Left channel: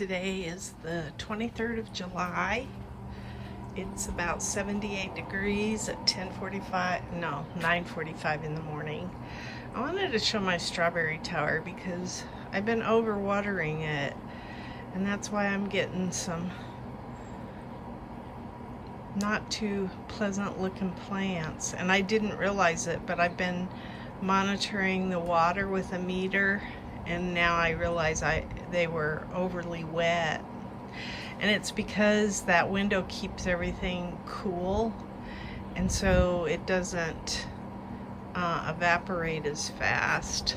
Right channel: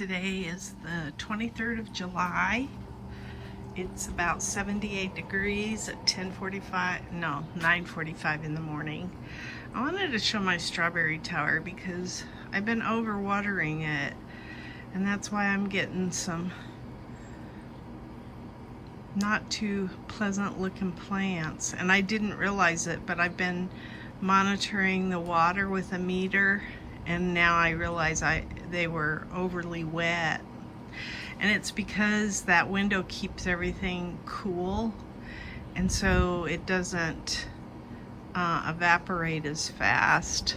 Today is the 23rd of July. It's about 78 degrees at 9:45 in the morning. I wanted to show my strawberry tower because I've been overwatering it, and that's why I'm getting some not too pleasant looking plants. And I didn't realize it, but I've been monitoring the water with a meter, and now I realize they were overly wet. And it's because that window keeps everything cool, and so it doesn't evaporate as fast.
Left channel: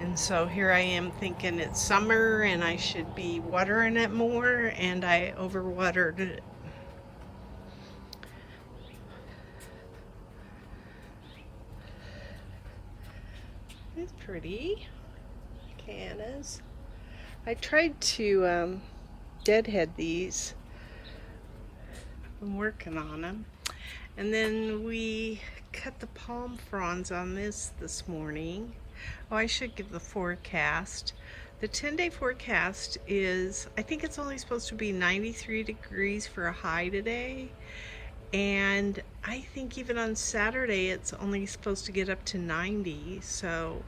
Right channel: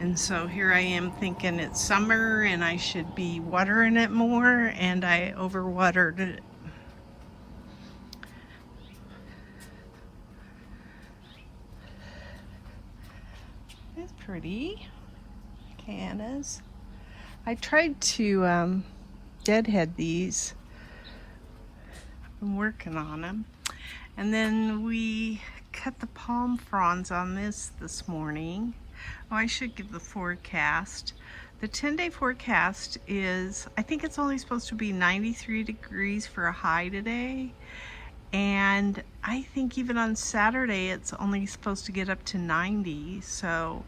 And so here I am thinking it's summer and I should be watering it more, and I overwatered it. It's pretty. Cannas. I tried to deadhead these. I've been working on them. And then we cut the palm fronds on this morning. Oh, I should give the forecast. The 10-day forecast is, I think it's only supposed to be 93 degrees for a high today. And I think even on Saturday it's only supposed to get up to 90. So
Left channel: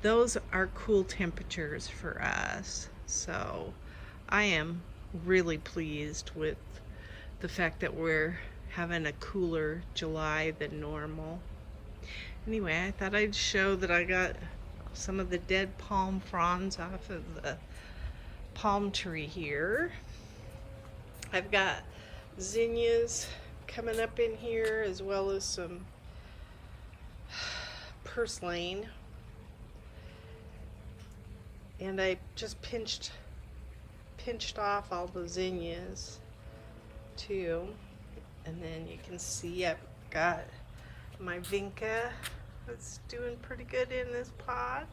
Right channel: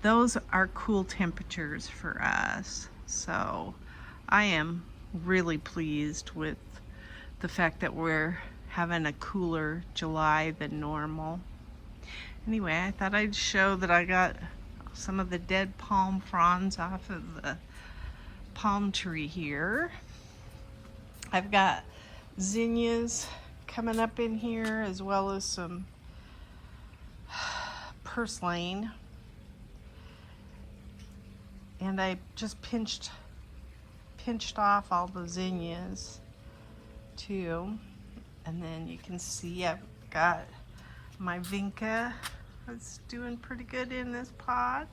those are cool temperatures for us. So I am really pleased with the fact that we're having a cooler July than normal. Anyway, I thought I'd show that I got some of the dead palm fronds off of the palm tree here. I've got zinnias coming up in here, as well as some purslane. And I just pinched off all the zinnias too. And then you can see I've got my vinca that's doing pretty good in this pot.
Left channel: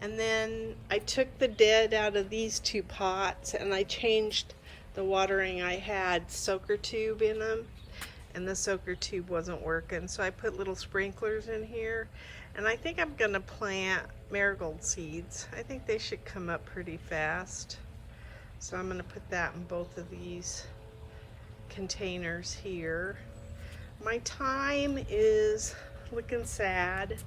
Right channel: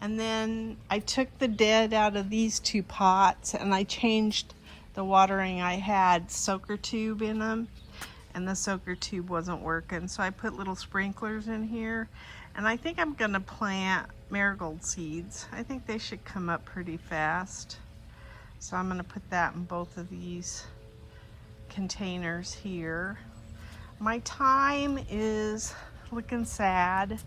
And then I took the dead out of these two pots and I changed the watering. I had soaker tube in them, and the soaker tube wasn't working, so I put little sprinklers in here. And I think I'm gonna plant marigold seeds. I think they should come up pretty fast. So I'm gonna put that in both of these containers here. My thyme is looking sad.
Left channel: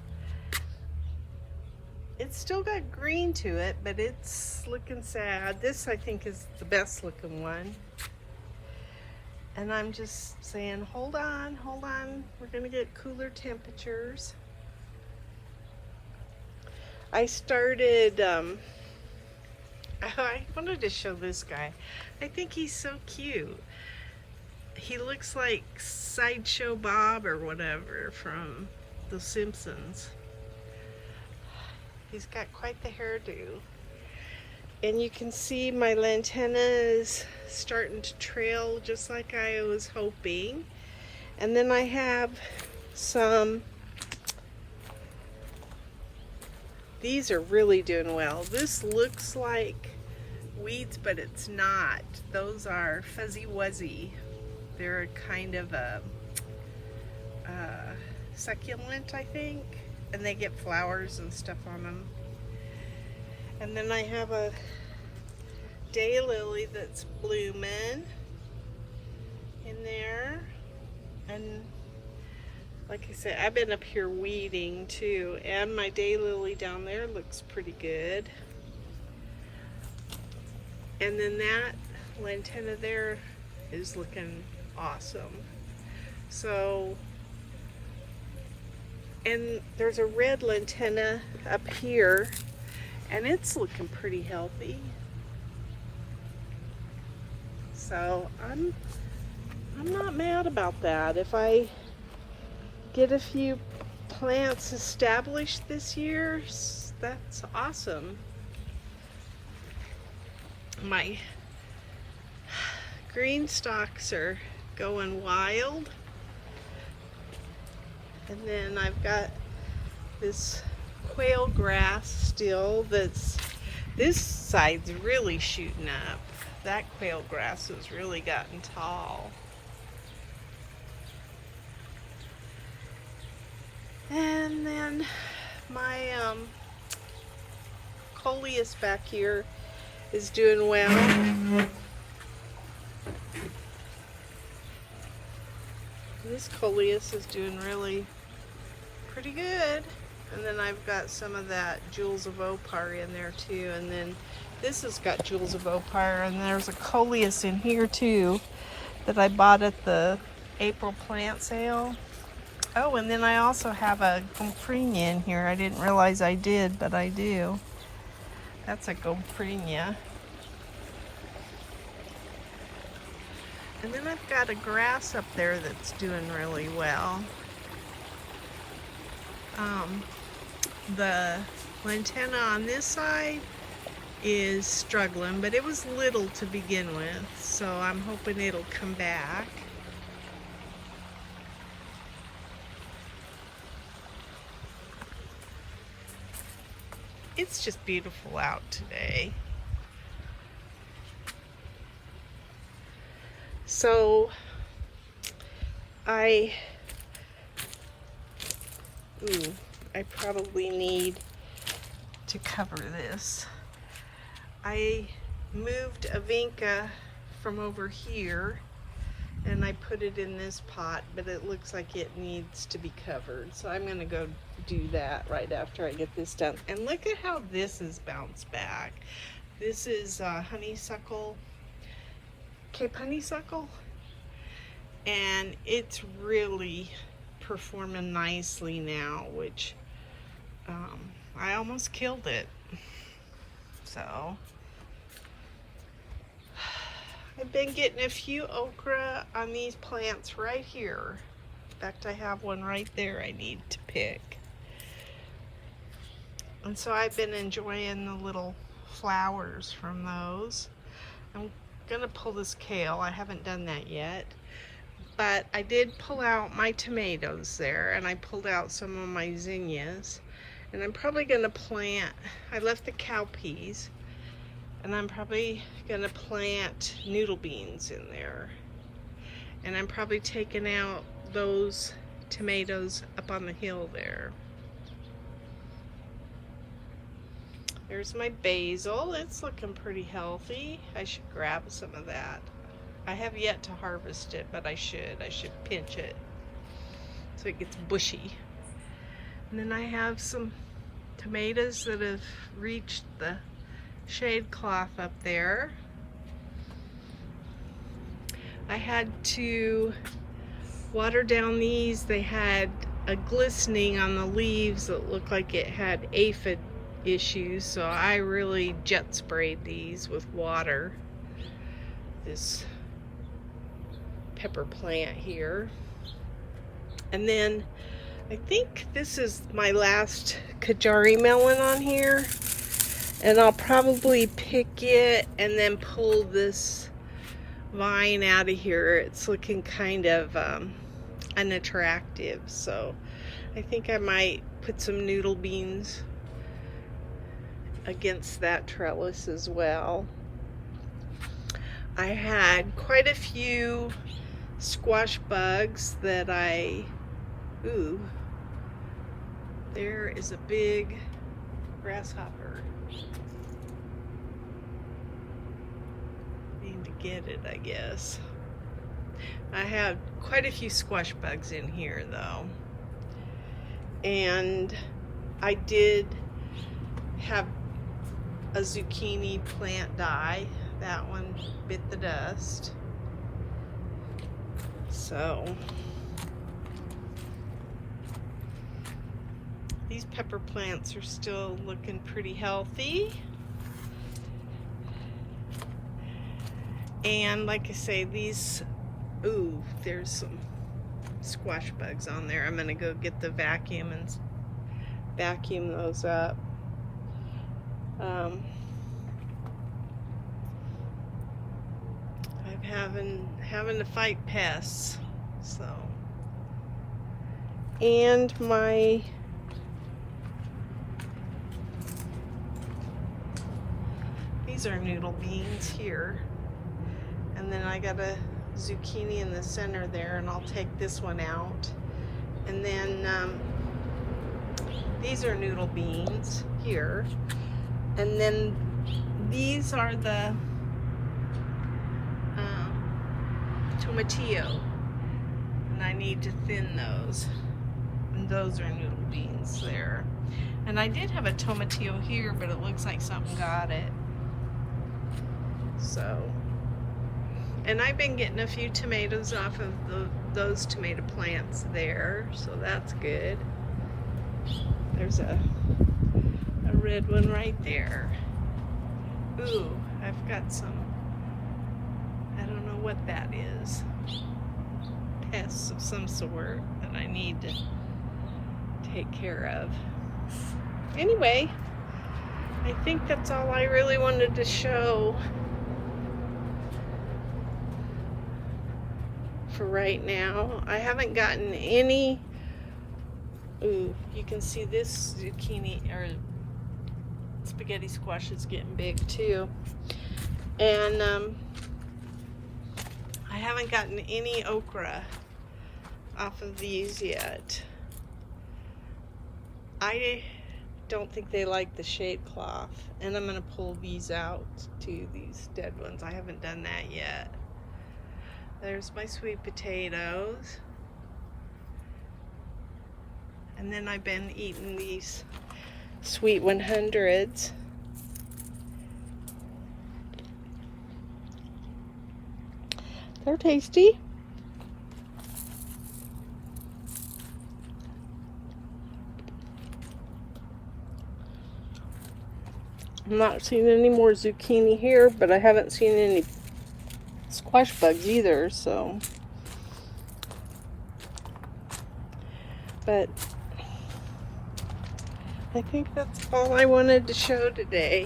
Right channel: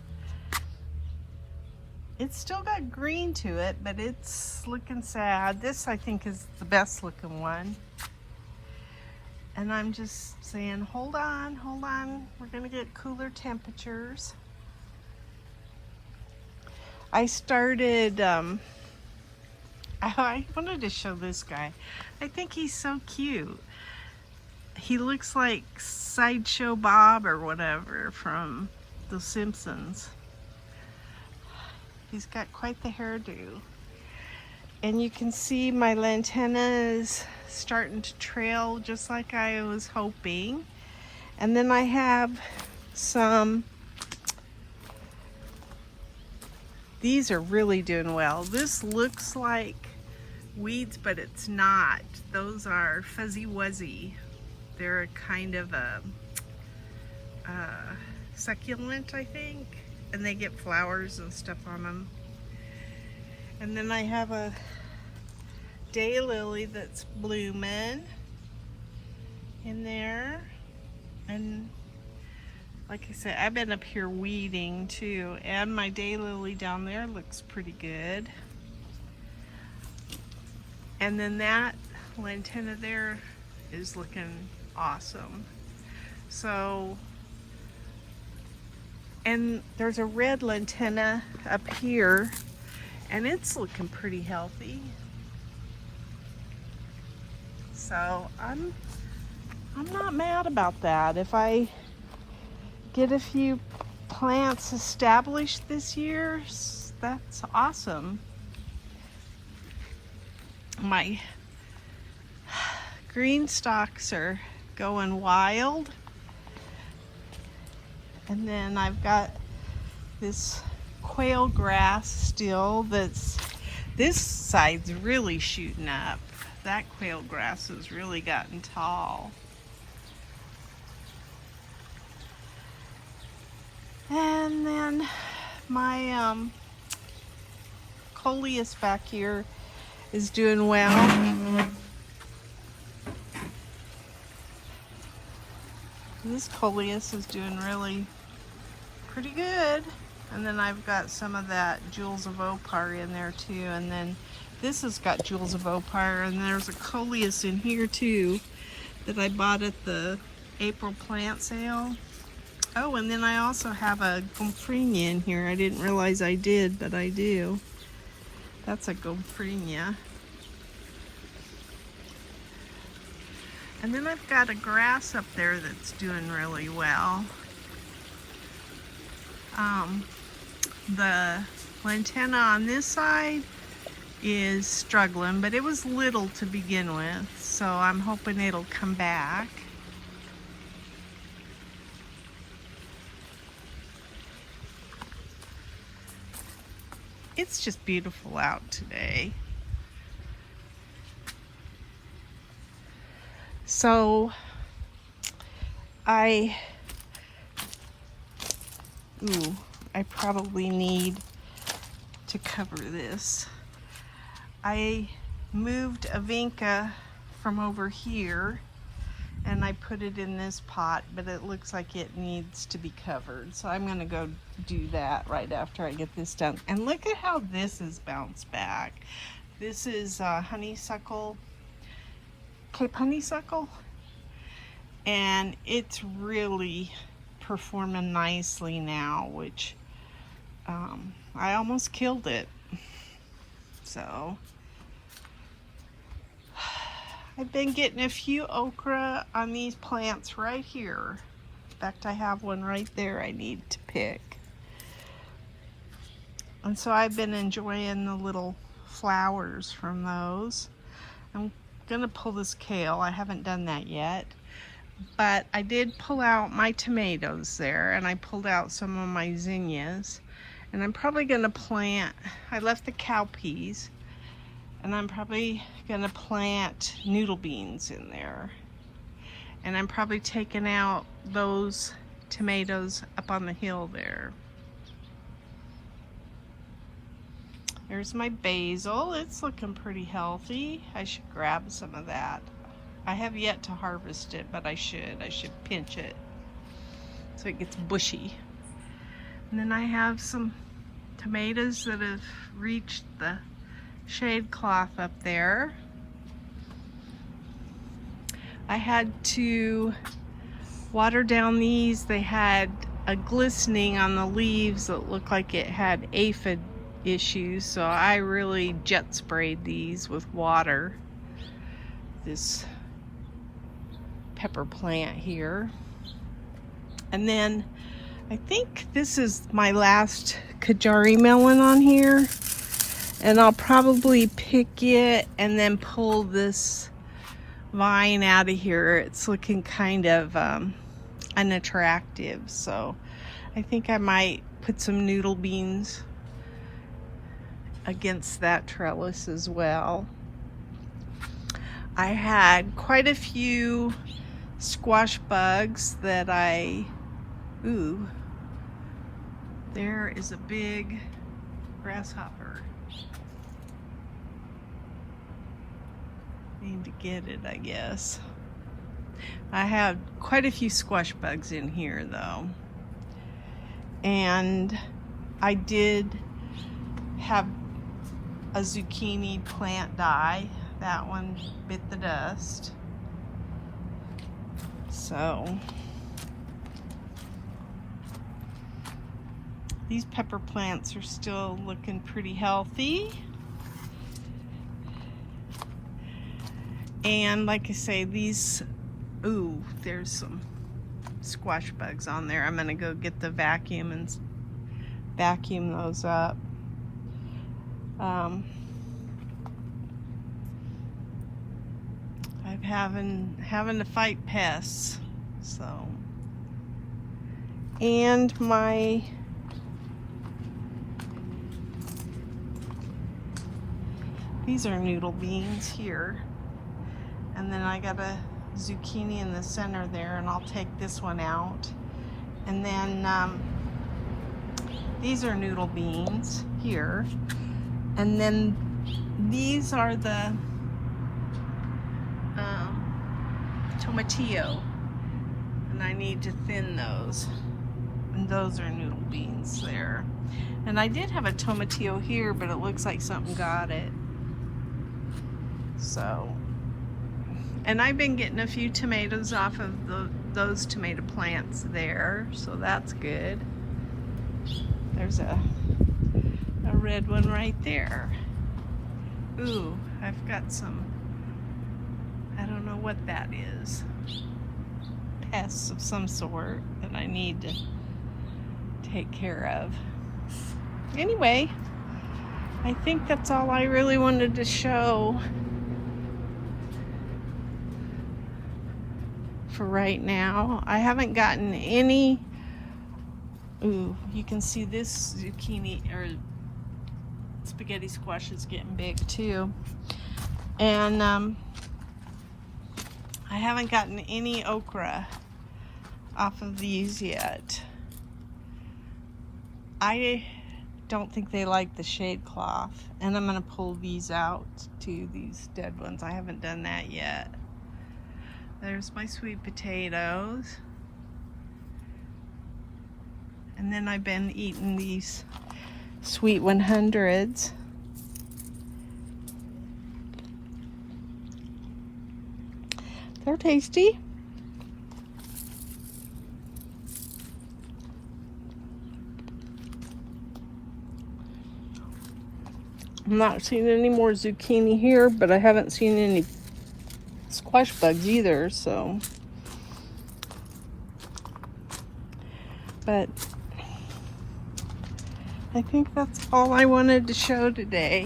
It's still got green to it, but it's looking sad. This, I think, is the best looking one. And I'm just saying, hold on. We're gonna get cooler temperatures. I started, I wanted to show this guy. I think he's so cute. He looks like Sideshow Bob or whatever from The Simpsons. He's got quite the hairdo. And you can see my lantana is starting to trail just like I was hoping. And then I have some, these are really doing well. This looks like weeds, but it's not. Those are Fuzzy Wuzzy. They're kind of a succulent, I think, and they get flowers and stuff on them. And then I have a daylily that's blooming in there. And like I said, I've been up here weeding too, and my daylily down there looks pretty good. And then that lantana there is looking awesome. So, and there's a red lantana up here, and it's looking pretty healthy. So I'm not mad about that. If I get a few plants established this year, that's awesome. My GreenStalks are going wild. And then I've got this quail grass still this side's really shooting up. That quail grass has really gotten tall. And then my coleus back here is doing well. This coleus is doing really pretty good. And then I've got some of that Jewels of Opar in there too. And then this has got Jewels of Opar, and there's a coleus in here too that I bought at the April plant sale. Oh, and then I also have a Gomphenia in here. I didn't realize I did, but I do. That's a Gomphenia. And then I've got a grass up there that's doing really well. The lantana on this side is struggling, but it was little to begin with, so I'm hoping it'll come back. It's just beautiful out today. So I probably need to cover this. I moved a vinca from over here and I put it in this pot, but it looks like it needs to be covered. So I'm gonna go do that right after I get this done. And look at how this is bounced back. This is honeysuckle, Cape honeysuckle, and it's really performing nicely now, which I almost killed it. So I've been getting a few okra on these plants right here. In fact, I have one right there I need to pick. And so I've been enjoying the little flowers from those. I'm gonna pull this kale. I haven't done that yet. But I did pull out my tomatoes there, and I pulled out some of my zinnias. And I'm probably gonna plant, I left the cowpeas, and I'm probably gonna plant noodle beans in there. And I'm probably taking out those tomatoes up on the hill there. There's my basil. It's looking pretty healthy. I should grab some of that. I have yet to harvest it, but I should pinch it so it gets bushy. And then I have some tomatoes that have reached the shade cloth up there. I had to water down these. They had a glistening on the leaves that looked like it had aphid issues, so I really jet sprayed these with water. This pepper plant here. And then I think this is my last Kajari melon on here, and I'll probably pick it and then pull this vine out of here. It's looking kind of unattractive, so I think I might put some noodle beans against that trellis as well. I had quite a few squash bugs that there is a big grasshopper. Need to get it, I guess. I have quite a few squash bugs in here though. And I did have a zucchini plant die. That one bit the dust. So these pepper plants are still looking pretty healthy. And like I say, these, there's some squash bugs on there. I'm gonna go get the vacuum and vacuum those up. I'm having to fight pests, so. And these are noodle beans here. And then I got a zucchini in the center there, and I'll take this one out. And then these are noodle beans here. And then these are the tomatillo, and I need to thin those. And those are noodle beans there. And I did have a tomatillo here, but it looks like something got it. So, and I've been getting a few tomatoes off of those tomato plants there, so that's good. There's a red one right there. Ooh, I've got some, I don't know what that is, pests of some sort that I need to take care of. Anyway, I think that's all I really wanted to show for right now. I haven't gotten any, ooh, you can see this zucchini or spaghetti squash is getting big too. And I haven't gotten any okra off of these yet. I don't think they like the shade cloth, and I'm gonna pull these out too, these dead ones. I haven't done that yet. There's my sweet potatoes. And then I've been eating these sweet 100s. They're tasty. I'm not seeing any more zucchini here, but I haven't seen any squash bugs either, so. But I think that's all I wanted to show today.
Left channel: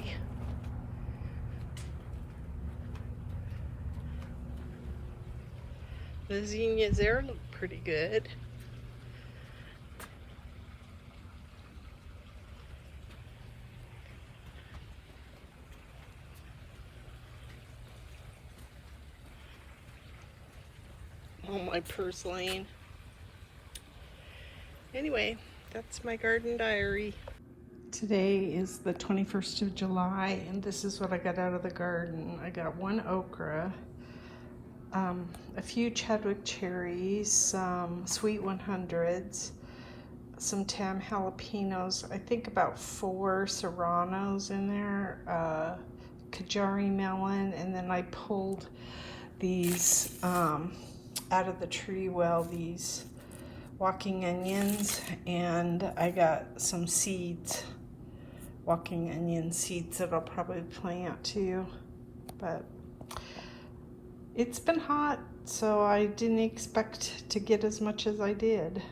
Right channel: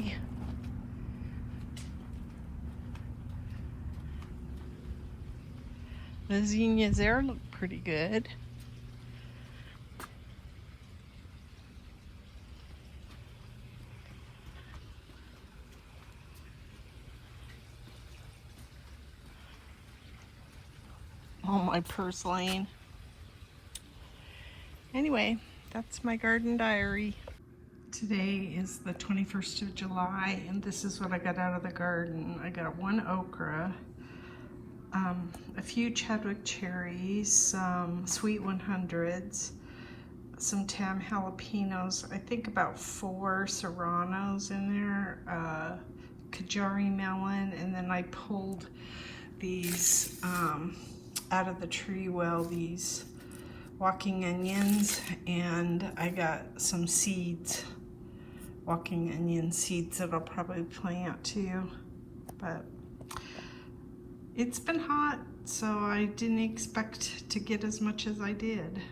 The zinnias there look pretty good. All my purslane. Anyway, that's my garden diary. Today is the 21st of July, and this is what I got out of the garden. I got one okra, a few Chadwick cherries, some sweet 100s, some Tam jalapenos, I think about 4 serranos in there, Kajari melon, and then I pulled these out of the tree well, these walking onions, and I got some seeds, walking onion seeds that I'll probably plant too. But it's been hot, so I didn't expect to get as much as I did.